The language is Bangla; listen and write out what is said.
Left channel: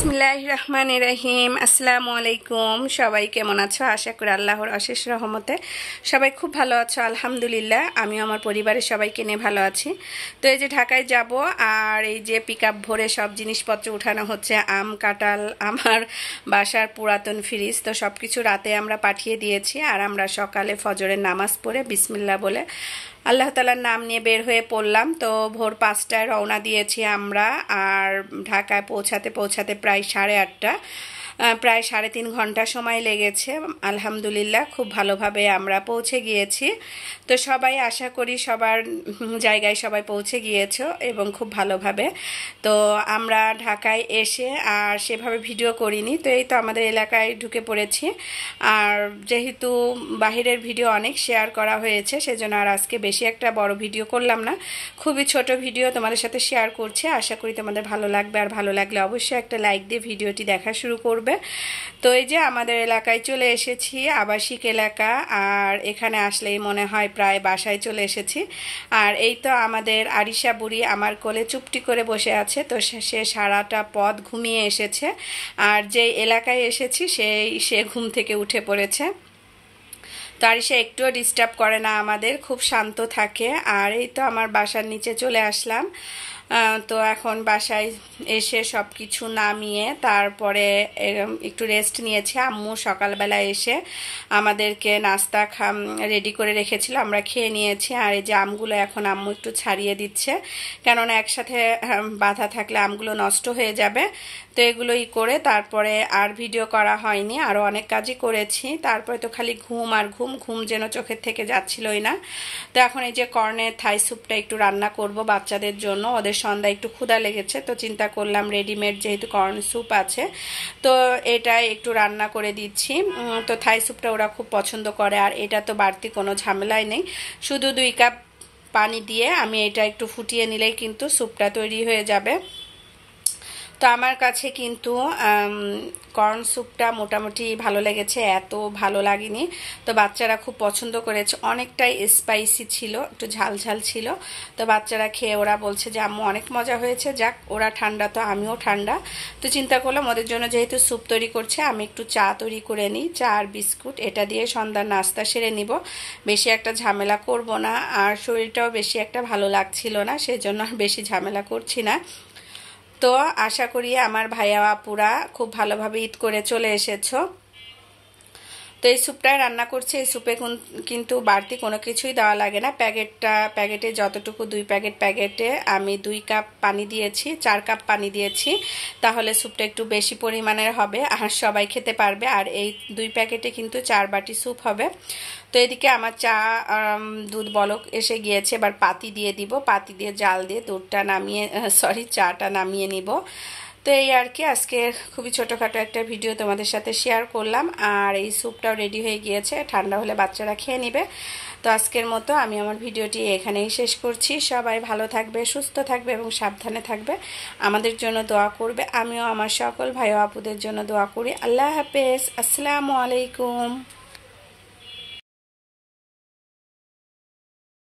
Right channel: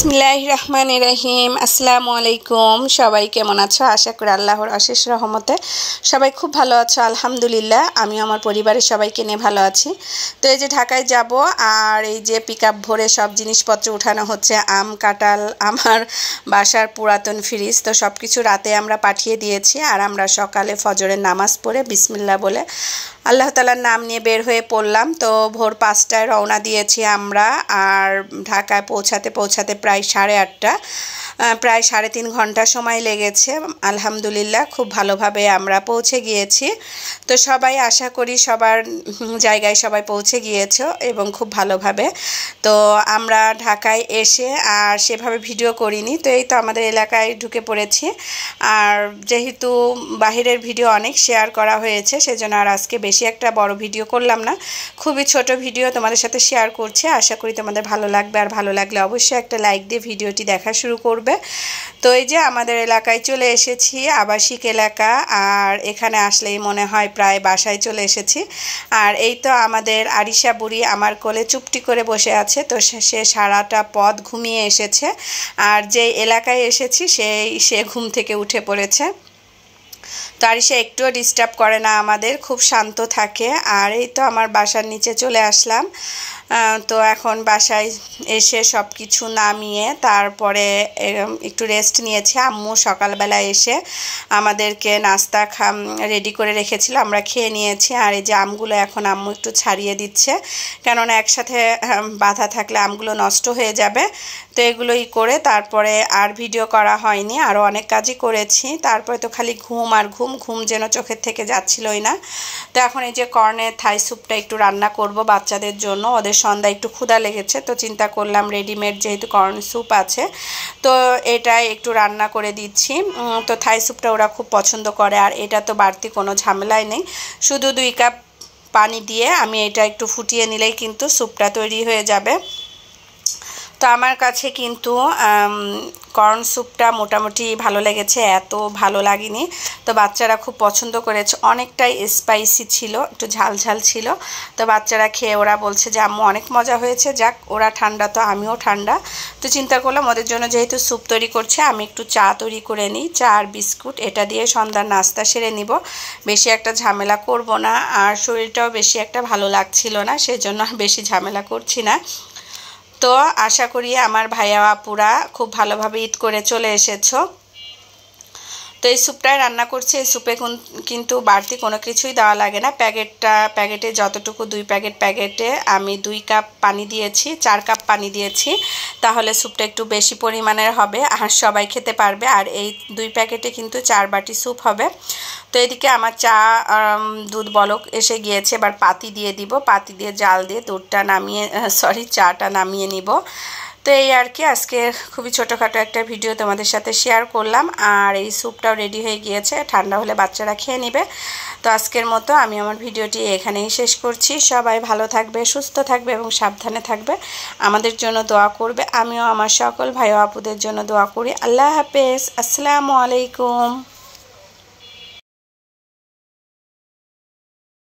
বিসমিল্লাহির রহমানির রহিম। আসসালামু আলাইকুম। সবাই কেমন আছো? আশা করি আল্লাহর অশেষ রহমতে সবাই খুব ভালো আছো। আলহামদুলিল্লাহ, আমি আমার পরিবারের সবাইকে নিয়ে ভালো আছি। তো এই যে ঢাকায় যাব, আর এই যে পিকআপ ভরে সব জিনিসপত্র উঠানো হচ্ছে। আম, কাঁঠাল, আমার বাসার পুরাতন ফ্রিজ, তো সব কিছু রাতে আমরা পাঠিয়ে দিয়েছি। আর আমরা সকালে ফজরের নামাজ পড়ে বিসমিল্লাহ বলে আল্লাহ তাআলার নাম নিয়ে বের হয়ে পড়লাম। তো ভোর 5টায় রওনা দিয়েছি আমরা। আর ঢাকায় পৌঁছাতে প্রায় 8:30, প্রায় 3.5 ঘন্টা সময় লেগেছে। আলহামদুলিল্লাহ, খুব ভালোভাবে আমরা পৌঁছে গিয়েছি। তো সবাই, আশা করি সবার জায়গায় সবাই পৌঁছে গিয়েছো এবং খুব ভালোভাবে। তো আমরা ঢাকায় এসে আর সেভাবে ভিডিও করিনি। তো এই তো আমাদের এলাকায় ঢুকে পড়েছি। আর যেহেতু বাহিরের ভিডিও অনেক শেয়ার করা হয়েছে, সেজন্য আর আজকে বেশি একটা বড় ভিডিও করলাম না, খুবই ছোট ভিডিও তোমাদের সাথে শেয়ার করছি। আশা করি তোমাদের ভালো লাগবে, আর ভালো লাগলে অবশ্যই একটা লাইক দিয়ে ভিডিওটি দেখা শুরু করবে। তো এই যে আমাদের এলাকায় চলে এসেছি, আবাসিক এলাকা। আর এখানে আসলেই মনে হয় প্রায় বাসায় চলে এসেছি। আর এই তো আমাদের আরিশা বুড়ি আমার কোলে চুপটি করে বসে আছে। তো সে সারাটা পথ ঘুমিয়ে এসেছে। আর যে এলাকায় এসেছি সে ঘুম থেকে উঠে পড়েছে। তো আরিশা একটুও ডিস্টার্ব করে না আমাদের, খুব শান্ত থাকে। আর এই তো আমার বাসার নিচে চলে আসলাম। তো এখন বাসায় এসে সব কিছু নামিয়ে তারপরে একটু রেস্ট নিয়েছি। আম্মু সকালবেলা এসে আমাদেরকে নাস্তা রেডি করে রেখেছিল, আমরা খেয়ে নিয়েছি। আর এই যে আমগুলো এখন আম্মু একটু ছাড়িয়ে দিচ্ছে, কেননা একসাথে বাঁধা থাকলে আমগুলো নষ্ট হয়ে যাবে। তো এগুলোই করে তারপরে আর ভিডিও করা হয়নি, আরও অনেক কাজই করেছি। তারপরে তো খালি ঘুম আর ঘুম যেন চোখের থেকে যাচ্ছিলই না। তো এখন এই যে কর্নের থাই স্যুপটা একটু রান্না করব বাচ্চাদের জন্য। ওদের সন্ধ্যায় একটু ক্ষুধা লেগেছে, তো চিন্তা করলাম রেডিমেড যেহেতু কর্ন স্যুপ আছে, তো এটাই একটু রান্না করে দিচ্ছি। তো থাই স্যুপটা ওরা খুব পছন্দ করে। আর এটা তো বাড়তি কোনো ঝামেলাই নেই, শুধু 2 কাপ পানি দিয়ে আমি এটা একটু ফুটিয়ে নিলেই কিন্তু স্যুপটা তৈরি হয়ে যাবে। তো আমার কাছে কিন্তু কর্ন স্যুপটা মোটামুটি ভালো লেগেছে, এত ভালো লাগেনি। তো বাচ্চারা খুব পছন্দ করেছে, অনেকটাই স্পাইসি ছিল, একটু ঝাল ছিল। তো বাচ্চারা খেয়ে ওরা বলছে যে আম্মু অনেক মজা হয়েছে। যাক, ওরা ঠান্ডা তো আমিও ঠান্ডা। তো চিন্তা করলাম ওদের জন্য যেহেতু স্যুপ তৈরি করছে, আমি একটু চা তৈরি করে নিই। চা আর বিস্কুট এটা দিয়ে সন্ধ্যার নাস্তা সেরে নিব, বেশি একটা ঝামেলা করব না। আর শরীরটাও বেশি একটা ভালো লাগছিল না, সেজন্য বেশি ঝামেলা করছি না। তো আশা করি আমার ভাইয়া আপুরা খুব ভালোভাবে ঈদ করে চলে এসেছো। তো এই স্যুপটাই রান্না করছি। এই স্যুপে কিন্তু বাড়তি কোনো কিছুই দেওয়া লাগে না। প্যাকেটে যতটুকু 2 প্যাকেটে আমি 2 কাপ পানি দিয়েছি, 4 কাপ পানি দিয়েছি, তাহলে স্যুপটা একটু বেশি পরিমাণের হবে আর সবাই খেতে পারবে। আর এই 2 প্যাকেটে কিন্তু 4 বাটি স্যুপ হবে। তো এদিকে আমার চা দুধ বলক এসে গিয়েছে, এবার পাতি দিয়ে দিব। পাতি দিয়ে জাল দিয়ে চাটা নামিয়ে নিব। তো এই আর কি, আজকে খুবই ছোটোখাটো একটা ভিডিও তোমাদের সাথে শেয়ার করলাম। আর এই স্যুপটাও রেডি হয়ে গিয়েছে, ঠান্ডা হলে বাচ্চারা খেয়ে নেবে। তো আজকের মতো আমি আমার ভিডিওটি এখানেই শেষ করছি। সবাই ভালো থাকবে, সুস্থ থাকবে এবং সাবধানে থাকবে, আমাদের জন্য দোয়া করবে। আমিও আমার সকল ভাই ও আপুদের জন্য দোয়া করি। আল্লাহ হাফেজ, আসসালামু আলাইকুম।